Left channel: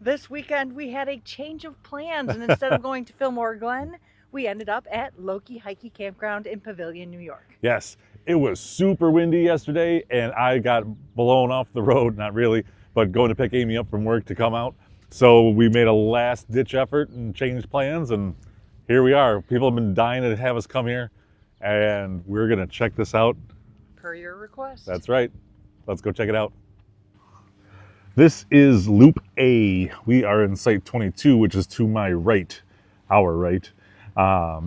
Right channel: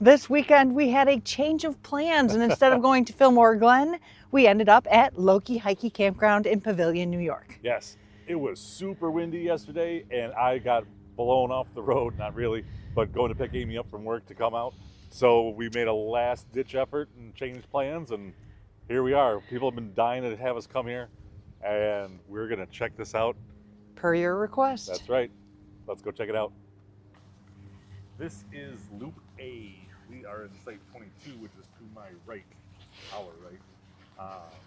This weekend we had a change of plans, and instead of going to Fillmore Glen, we ended up at Lokee Hikee Campground in Pavilion, New York. Yes, it was super windy yesterday and I got blown off the road, not really, but going to pick Amy up from work to come out. So we made a last ditch effort and changed plans, and here we are. People have been dying to have us come here, and we're gonna check this out. Per your request. That's right. Let's go check it out. This is Loop A. We are in site 22, which is to my right, our right.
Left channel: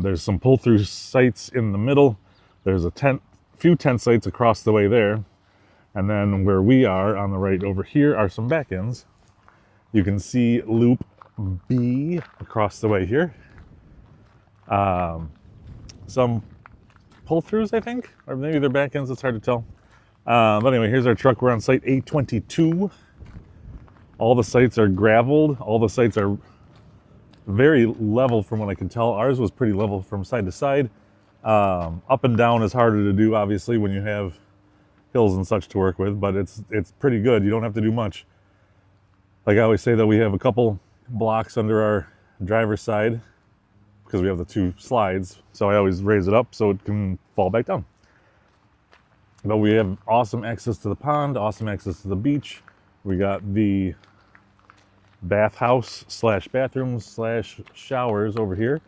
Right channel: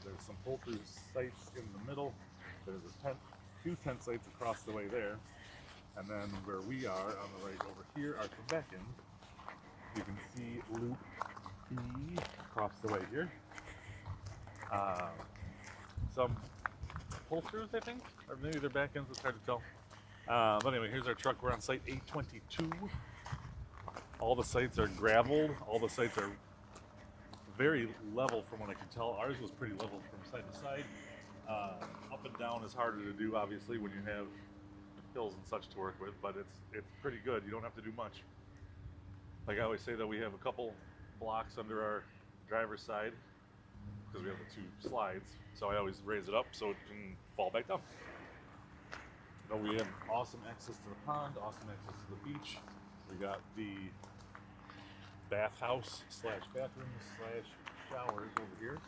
There's some pull-through sites in the middle. There's a few tent sites across the way there. And then where we are on the right over here are some back ends. You can see Loop B across the way here. Some pull-throughs, I think, or maybe they're back ends, it's hard to tell. But anyway, here's our truck. We're on site 822. All the sites are graveled. All the sites are very level from what I can tell. Ours was pretty level from side to side. Up and down is harder to do, obviously, when you have hills and such to work with, but it's pretty good. You don't have to do much. Like I always say, that we have a couple blocks under our driver's side because we have the two slides. So I always raise it up so it can fall back down. But we have awesome access to the pond, awesome access to the beach. We got the bathhouse slash bathrooms slash showers over here.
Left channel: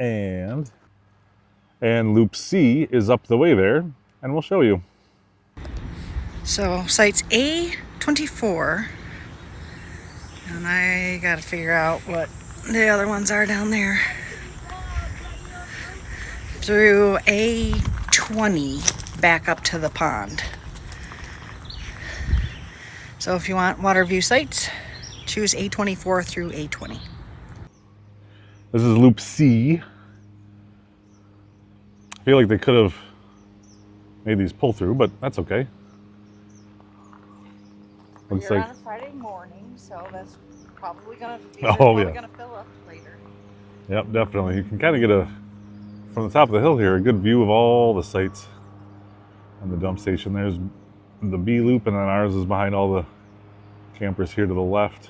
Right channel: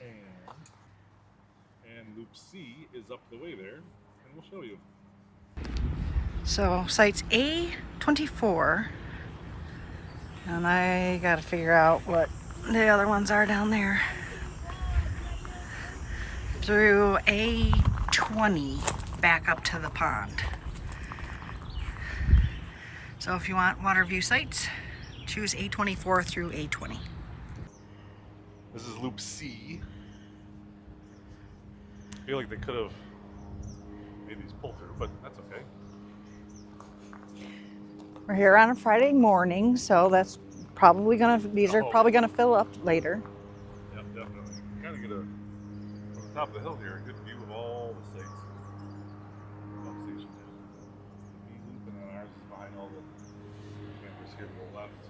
And Loop C is up the way there, and we'll show you. So sites A24, and I gotta figure out what the other ones are down there. Through A20 back up to the pond. So if you want water view sites, choose A24 through A20. This is Loop C. I feel like they could have made these pull through, but that's okay. We're here on a Friday morning, so that's probably gonna gonna fill up later. Yep, definitely. You can kind of get from the top of the hill here, a good view of all the sites and the dump station. There's the B loop, and then ours is behind all the campers here to the left.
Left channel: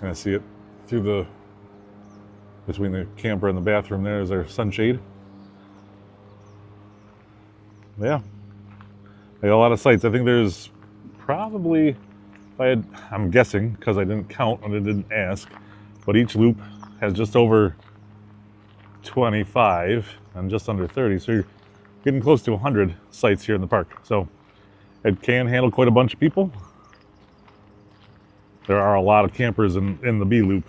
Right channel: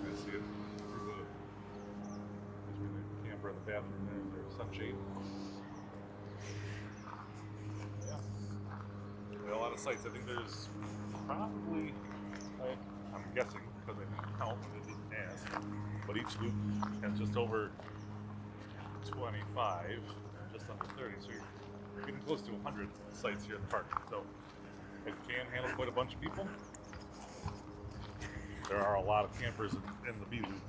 Kind of see it through between the camper and the bathroom. There's our sunshade. Yeah, they got a lot of sites. I think there's probably, I'm guessing because I didn't count and I didn't ask, but each loop has just over 25 and just under 30. So you're getting close to 100 sites here in the park. So it can handle quite a bunch of people. There are a lot of campers in the B loop.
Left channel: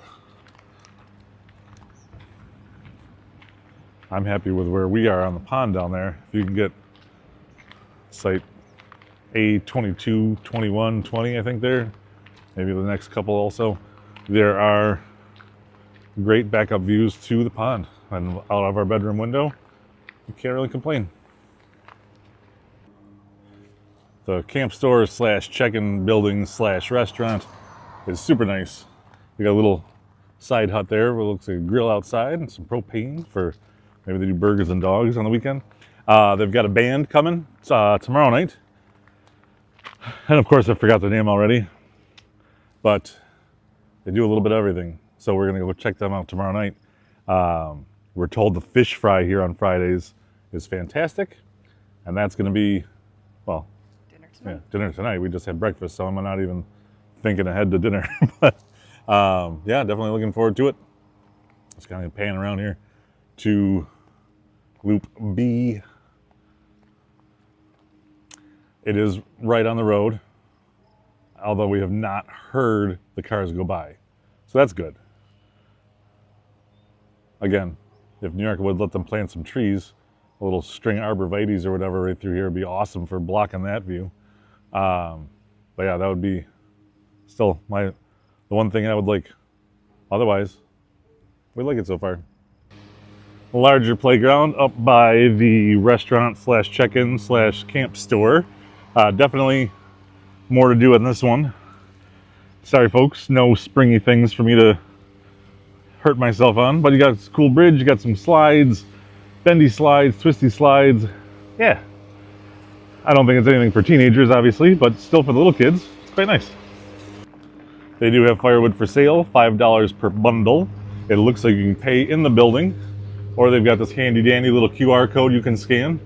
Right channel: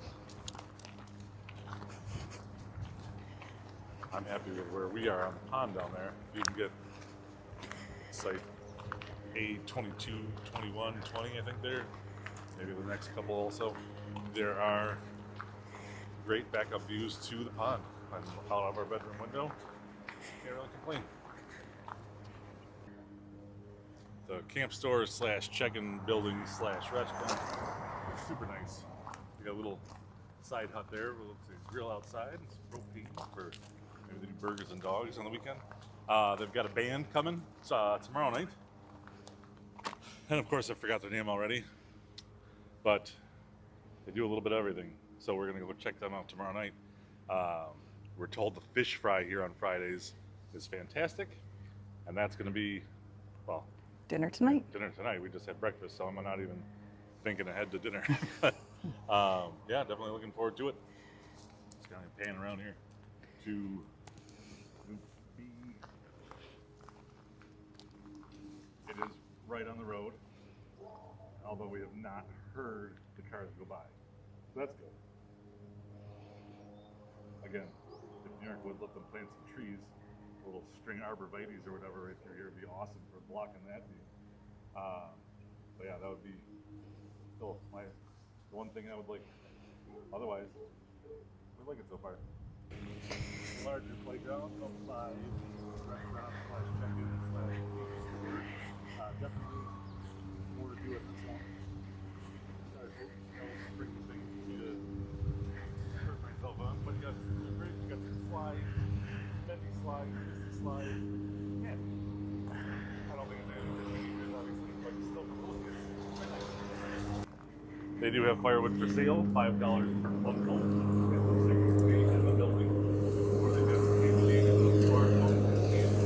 I'm happy with where we are on the pond down there. If you can get site A22, 21, 20, I think there. Maybe the next couple also. There are great backup views to the pond and out of our bedroom window. You can't really complain. The camp store slash check-in building slash restaurant is super nice. We got a little side hut there where it looks like a grill outside and some propane for maybe they do burgers and dogs on the weekend. They've got a band coming tomorrow night. And of course I forgot the name already, but they do a little bit of everything. So we're gonna go check them out tomorrow night. We're told the fish fry here on Fridays is fantastic. And that's gonna be, well, dinner tonight. Yeah, dinner tonight. We just had breakfast, so I'm not even thinking ahead to dinner. But yeah, definitely looking forward to it. Just kind of pan around here to Loop B. It is right on the road, although we have not heard the cars go by. So that's good. Again, if New York would let them plant some trees, a little string arborvitaes or whatever right through here would be awesome for blocking that view. But yeah, that would be still the one thing I would like. Otherwise, we like it so far. Larger playground up by the restaurant slash check-in slash camp store. Definitely more to do in this one. Sorry folks, no springy things for me to hurt myself on, but you got a cool bridge, you got some slides, bendy slides, twisty slides. Yeah, I don't think it's anything for teenagers, obviously, but still for the little kids, it's quite nice. They do have firewood for sale, $5 per bundle. It looks like you can pay in the building, or they've got this handy dandy little QR code you can scan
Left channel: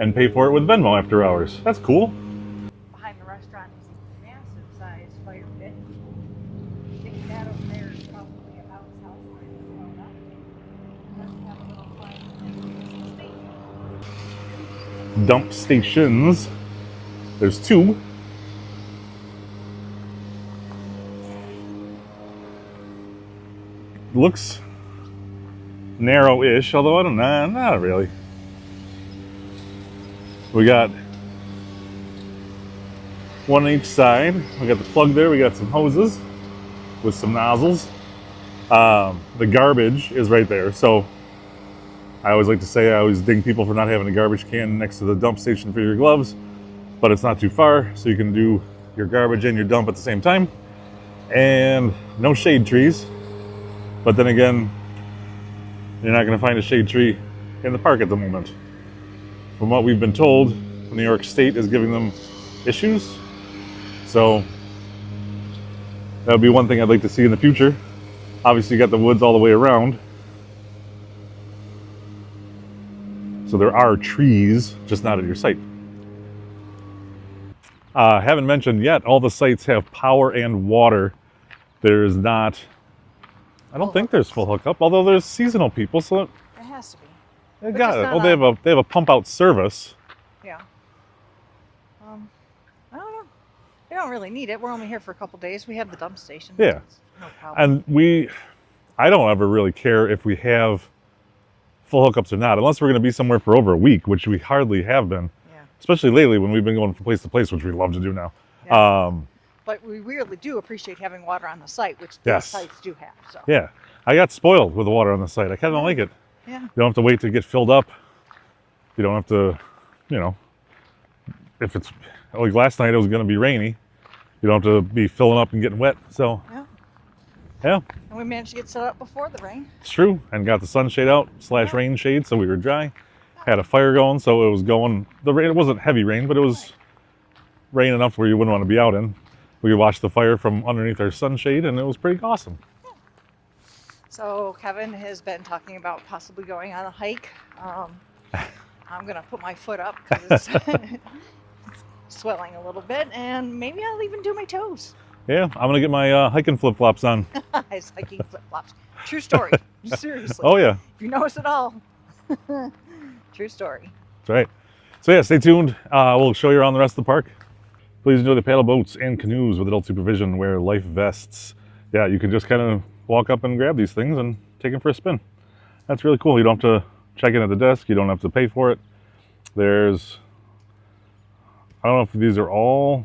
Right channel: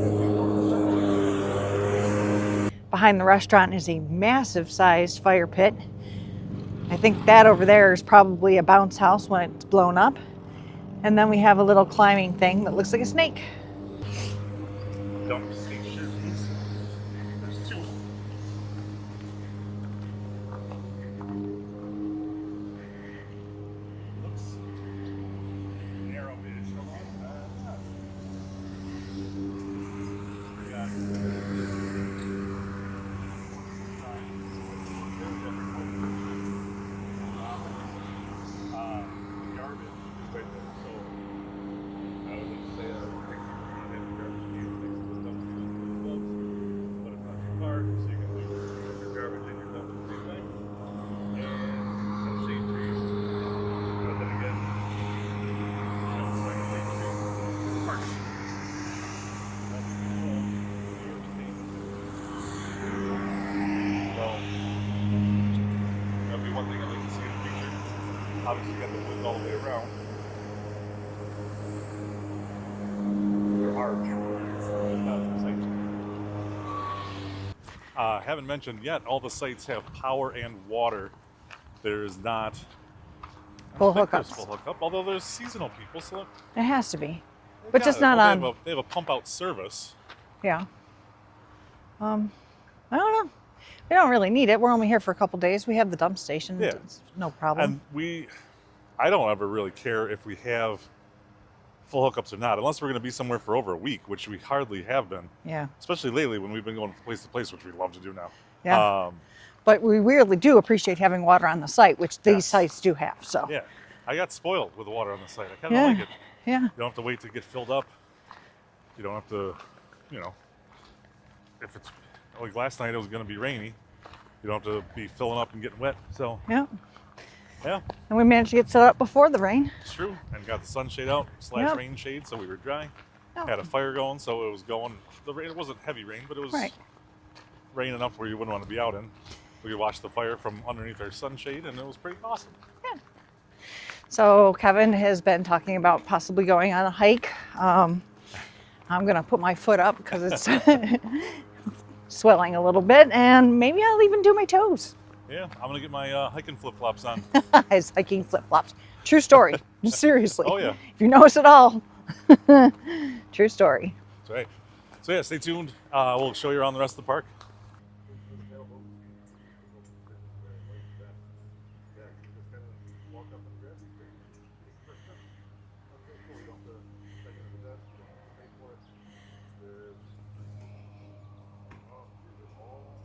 and pay for it with Venmo after hours. That's cool. Behind the restaurant is a massive sized fire pit. I think that over there is probably a bounce house when it's blown up. And then we have a little climbing thing that looks like a snake. Dump stations. There's 2. Looks narrow-ish, although I don't know, not really. We got one on each side. We got the plug there. We got some hoses with some nozzles. The garbage is right there. So I always like to say I always ding people for not having a garbage can next to the dump station for your gloves, but it's not too far, so you can do your garbage and your dump at the same time. And no shade trees. But then again, you're not going to find a shade tree in the park at the moment. From what we've been told, New York State is giving them issues. So that would be one thing I'd like to see in the future. Obviously, you got the woods all the way around. So there are trees, just not at your site. Haven't mentioned yet, all the sites have power and water. There's not... I don't think there's full hookup, although there's seasonal people, so it has to be. But just it. not Well, they have a pump out service. Yeah. I don't know. We don't really need it. We're only here for a couple days. We have the dump station. Yeah. It's no problem. And I don't ever really care if we have full hookups or not, unless we're going to be somewhere for over a week, which we hardly have been. Yeah. Especially lately when we've been going from place to place, which we love to do now. Yeah. But we really do appreciate having water on the site, which these sites do have. So. Yeah. I got spoiled with the water on the site. I kind of don't like it. Yeah. You don't have to wait to get filled up. You don't have to, if it's, like last night it was going to be rainy. You don't have to be filling up and getting wet. So. Yeah. Yeah. And we managed to get set up before the rain. It's true. And got the sunshade out / rain shade, so we were dry. Had a fire going, so it was going. The rain, it wasn't heavy rain, but it was rain enough where you wouldn't want to be out in. We watched the fire from underneath our sunshade, and it was pretty awesome. Yeah. So Kevin has been talking about possibly going on a hike. I'm going to put my foot up because it's swelling a little bit, and maybe I'll even do my toes. Yeah, I'm going to get my hiking flip-flops on. His hiking flip-flops. True story. Seriously. Oh, yeah. If you notice at all. True story. That's right. So, yeah, stay tuned. We'll show you around the rest of the park. Please enjoy the paddle boats and canoes with adult supervision. Wear life vests. Yeah, you can just kind of walk up and grab these things and take them for a spin. That's really cool. You don't have to check in at the desk. You don't have to pay for it. There's, I don't know if these are all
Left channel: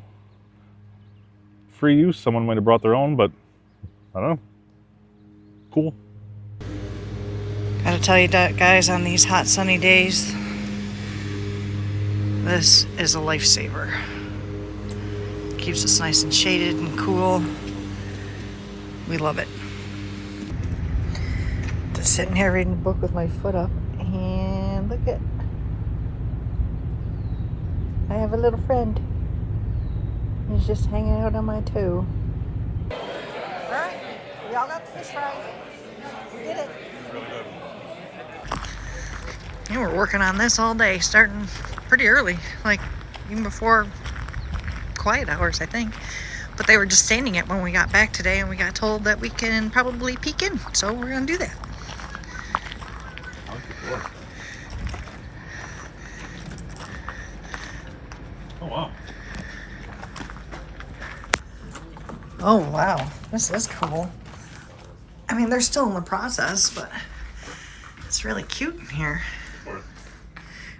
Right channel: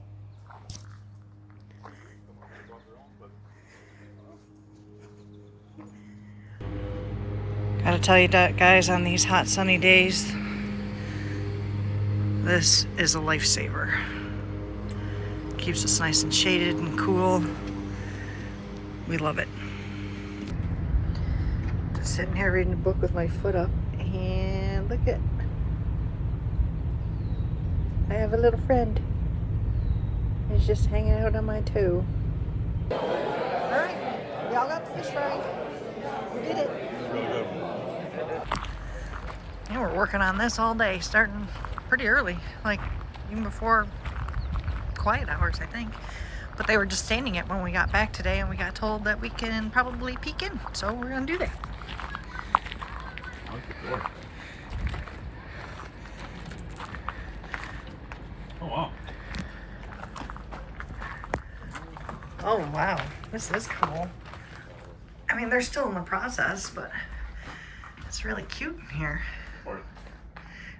free use. Someone might have brought their own, but I don't know. Cool. Gotta tell you that, guys, on these hot sunny days, this is a lifesaver. Keeps us nice and shaded and cool. We love it. Just sitting here reading a book with my foot up, and look at, I have a little friend. He's just hanging out on my toe. Alright, y'all got the fish fry. We did it. Really good. And we're working on this all day, starting pretty early, like even before quiet hours, I think. But they were just standing it when we got back today, and we got told that we can probably peek in, so we're gonna do that. Oh, wow. Oh, wow. This is cool. I mean, they're still in the process, but it's really cute in here.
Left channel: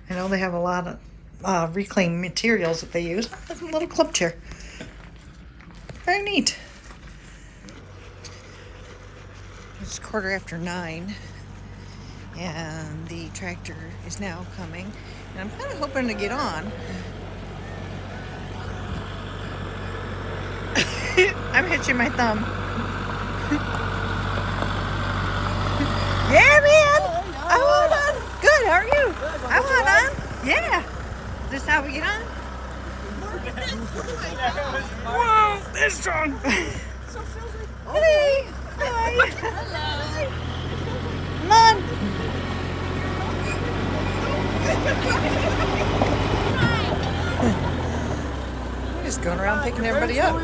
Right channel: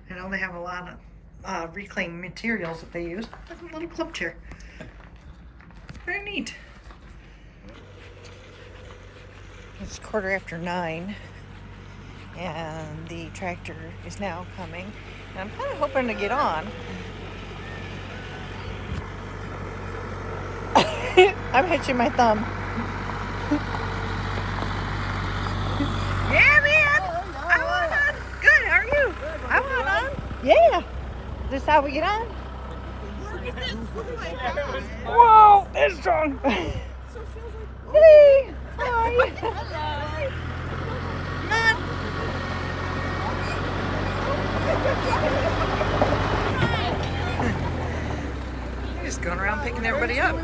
I know they have a lot of reclaimed materials that they use. Look, a little club chair. Very neat. It's 9:15, and the tractor is now coming. And I'm kind of hoping to get on. I'm hitching my thumb. Yeah, man. I want on. Good. How are you? I want on. Yeah. Is this how we get on? Whoa, that's strong. So Phil's None. You're just going around picking everybody up.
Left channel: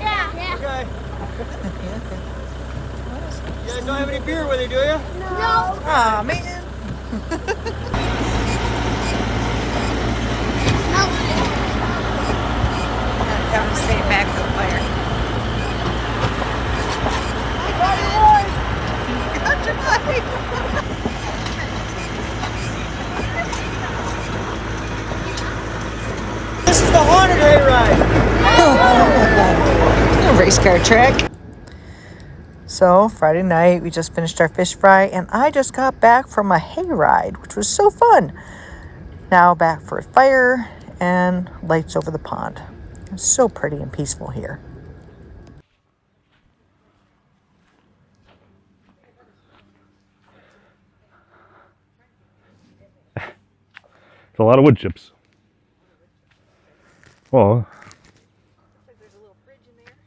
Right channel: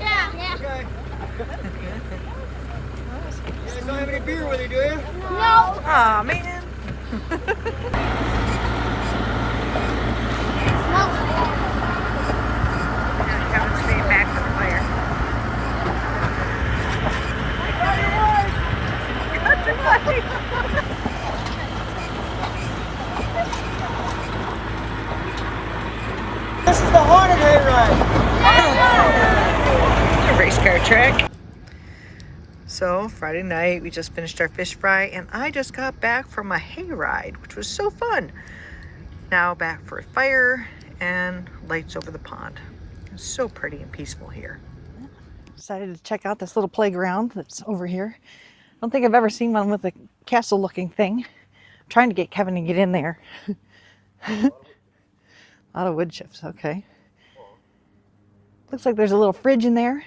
Yeah. Yeah. Okay. You guys don't have any beer with you, do you? No. Aw, man. Kevin staying back for the fire. Hi, Kevin. Got your wife. This is the haunted hayride. A race car track. So Friday night we just finished our fish fry and I just got back from a hayride, which was so fun. Now back for a fire and lights over the pond. It's so pretty and peaceful here. Decided to check out this little playground that's over here. I don't think I've ever seen one with a castle looking thing. I'm trying to get Kevin to get in there. A lot of wood chips. A lot of wood chips, okay. Well, Looks like there's a little fridge in there.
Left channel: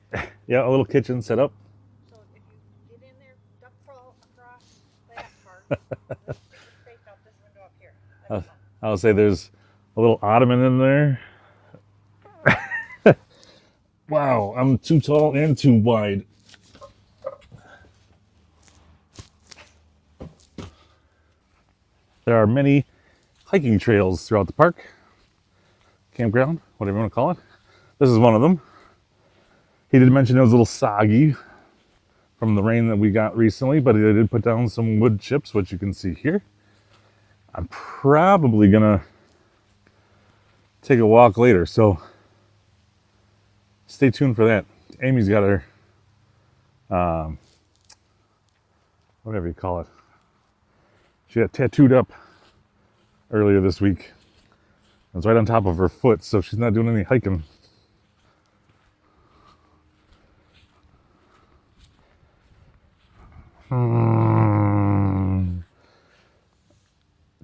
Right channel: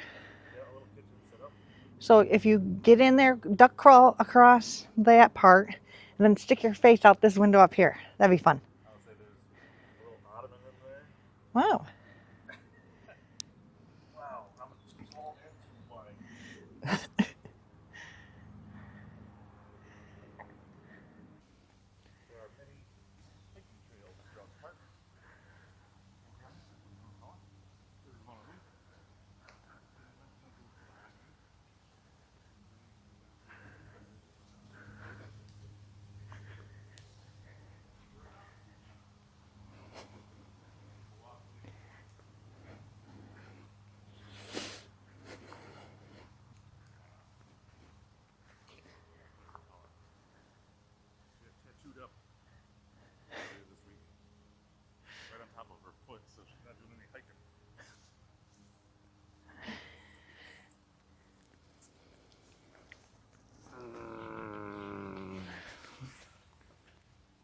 yeah, a little kitchen set up. So if you get in there, duck crawl across that part, and then stick your face out this window up here. That'd be fun. I'll say there's a little ottoman in there. Wow. Wow, I'm too tall and too wide. There are many hiking trails throughout the park, campground, whatever you want to call it. This is one of them. He did mention it was a little soggy from the rain that we got recently, but he did put down some wood chips, which you can see here. I'm probably gonna take a walk later, so stay tuned for that. Amy's got her, whatever you call it. She got tattooed up earlier this week. It was right on top of her foot, so she's not doing any hiking.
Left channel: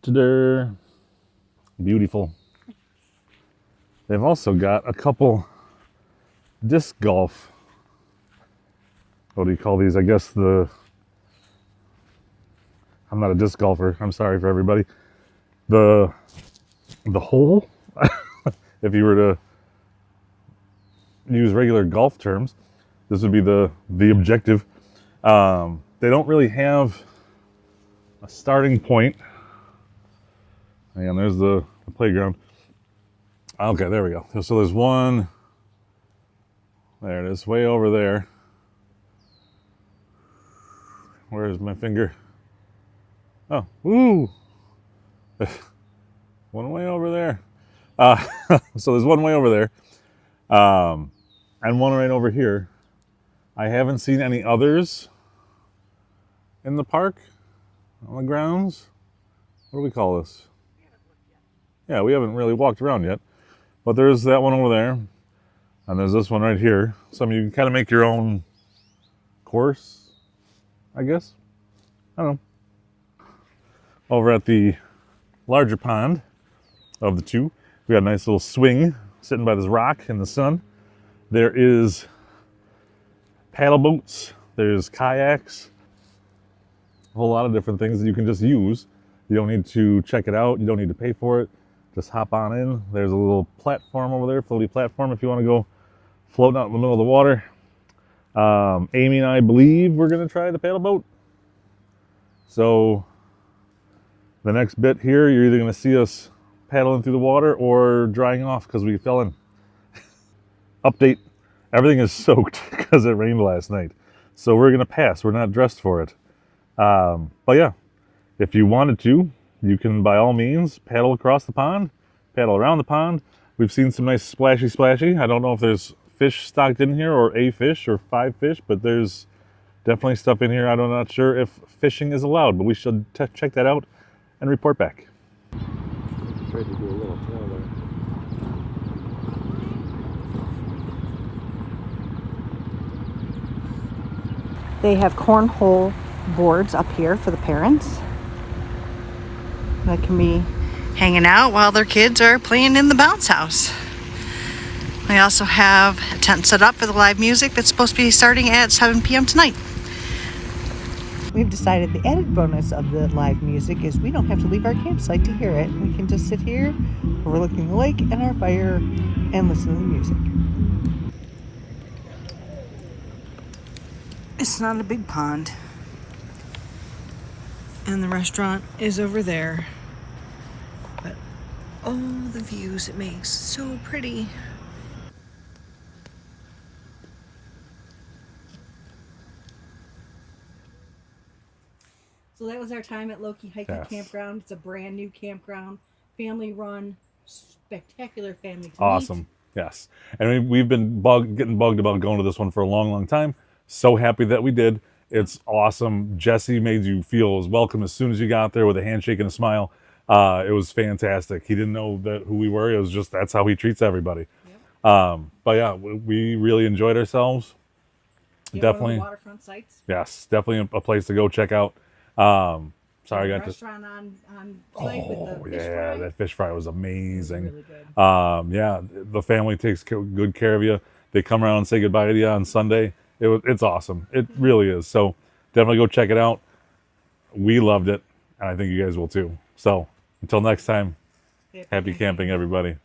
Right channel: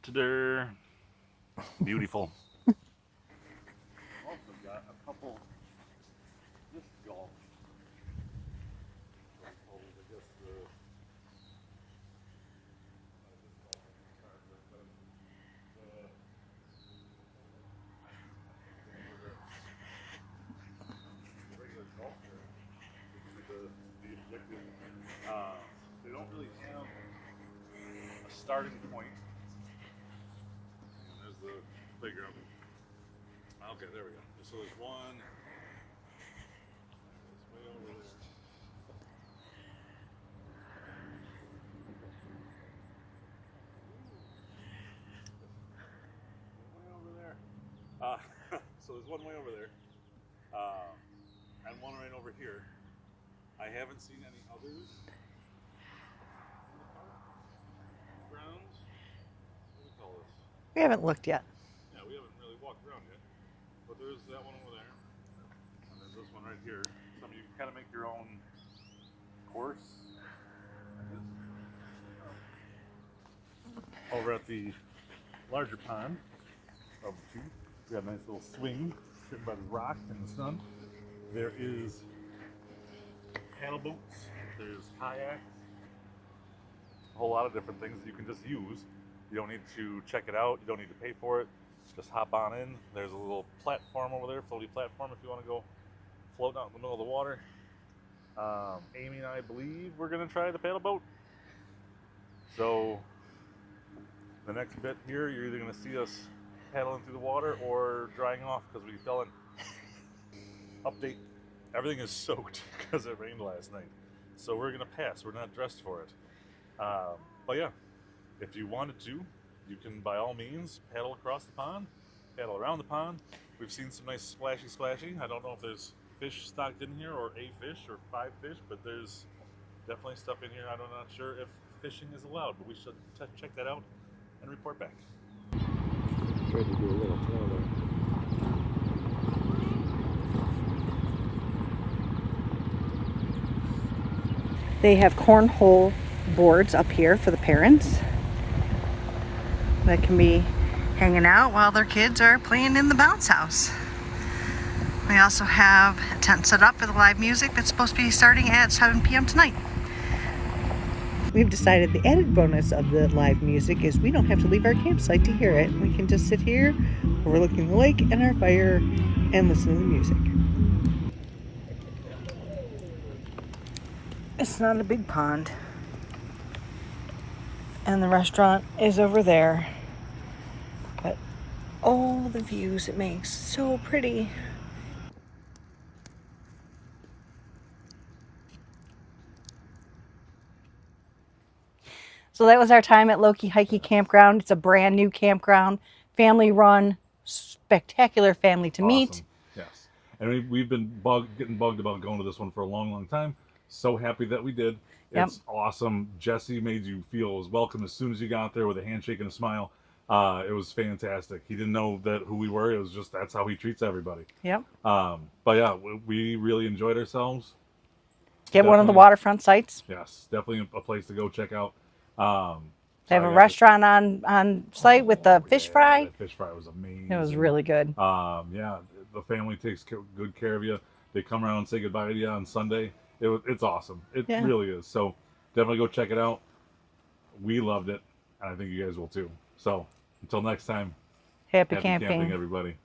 Ta-da. Beautiful. They've also got a couple disc golf. What do you call these? I guess I'm not a disc golfer. I'm sorry for everybody. The hole, if you were to use regular golf terms, this would be the objective. They don't really have a starting point. And there's the playground. Okay, there we go. So there's one. There it is, way over there. Where's my finger? Oh, ooh. One way over there. So there's one way over there. And one right over here. I haven't seen any others in the park, on the grounds. What do we call this? We haven't looked yet. Yeah, we haven't really walked around yet. But there's that one over there. And there's this one right here. So you can kind of make your own course, I guess. I don't know. Over at the larger pond of the two, we got a nice little swing sitting by this rock in the sun. There is paddle boats, there's kayaks, a whole lot of different things that you can just use. You don't need to check it out, you don't need to pay for it. Just hop on in. There's a little platform over there, floaty platform, if you want to go floating out in the middle of the water. Amy and I believe we're going to try the paddle boat. So the next bit here, you're either going to see us paddling through the water or drying off because we fell in. Update, everything is soaked because it rained last night. So we're going to pass. We're not dressed for it. But yeah, if you wanted to, you can by all means paddle across the pond, paddle around the pond. We've seen some nice splashy. I don't know if there's fish stocked in here or a fish or 5 fish, but there's definitely stuff in here. I'm not sure if fishing is allowed, but we should check that out and report back. Tried to do a little tail there. They have cornhole boards up here for the parents that can be hanging out while their kids are playing in the bounce house. They also have a tent set up for the live music that's supposed to be starting at 7 p.m. tonight. We've decided the added bonus of the live music is we don't have to leave our campsite to hear it. We can just sit here overlooking the lake and our fire and listen to the music. It's not a big pond. And the restaurant is over there. But all the views it makes, so pretty. So that was our time at Lokee Hikee Yes. Campground. It's a brand new campground, family run, spectacular family to meet. Awesome. Yes. And we've been getting bugged about going to this one for a long, long time. So happy that we did. It's awesome. Jesse made you feel as welcome as soon as you got there with a handshake and a smile. It was fantastic. He didn't know who we were. It was just, that's how he treats everybody. Yep. But yeah, we really enjoyed ourselves. Get one of the waterfront sites. Yes, definitely a place to go check out. They have a restaurant on site with the fish fry. That fish fry was amazing. It was really good. Yeah, the family takes good care of you. They come around and say goodbye to you on Sunday. It's awesome. It really is. So definitely go check it out. We loved it, and I think you guys will too. So until next time, Happy camping, everybody.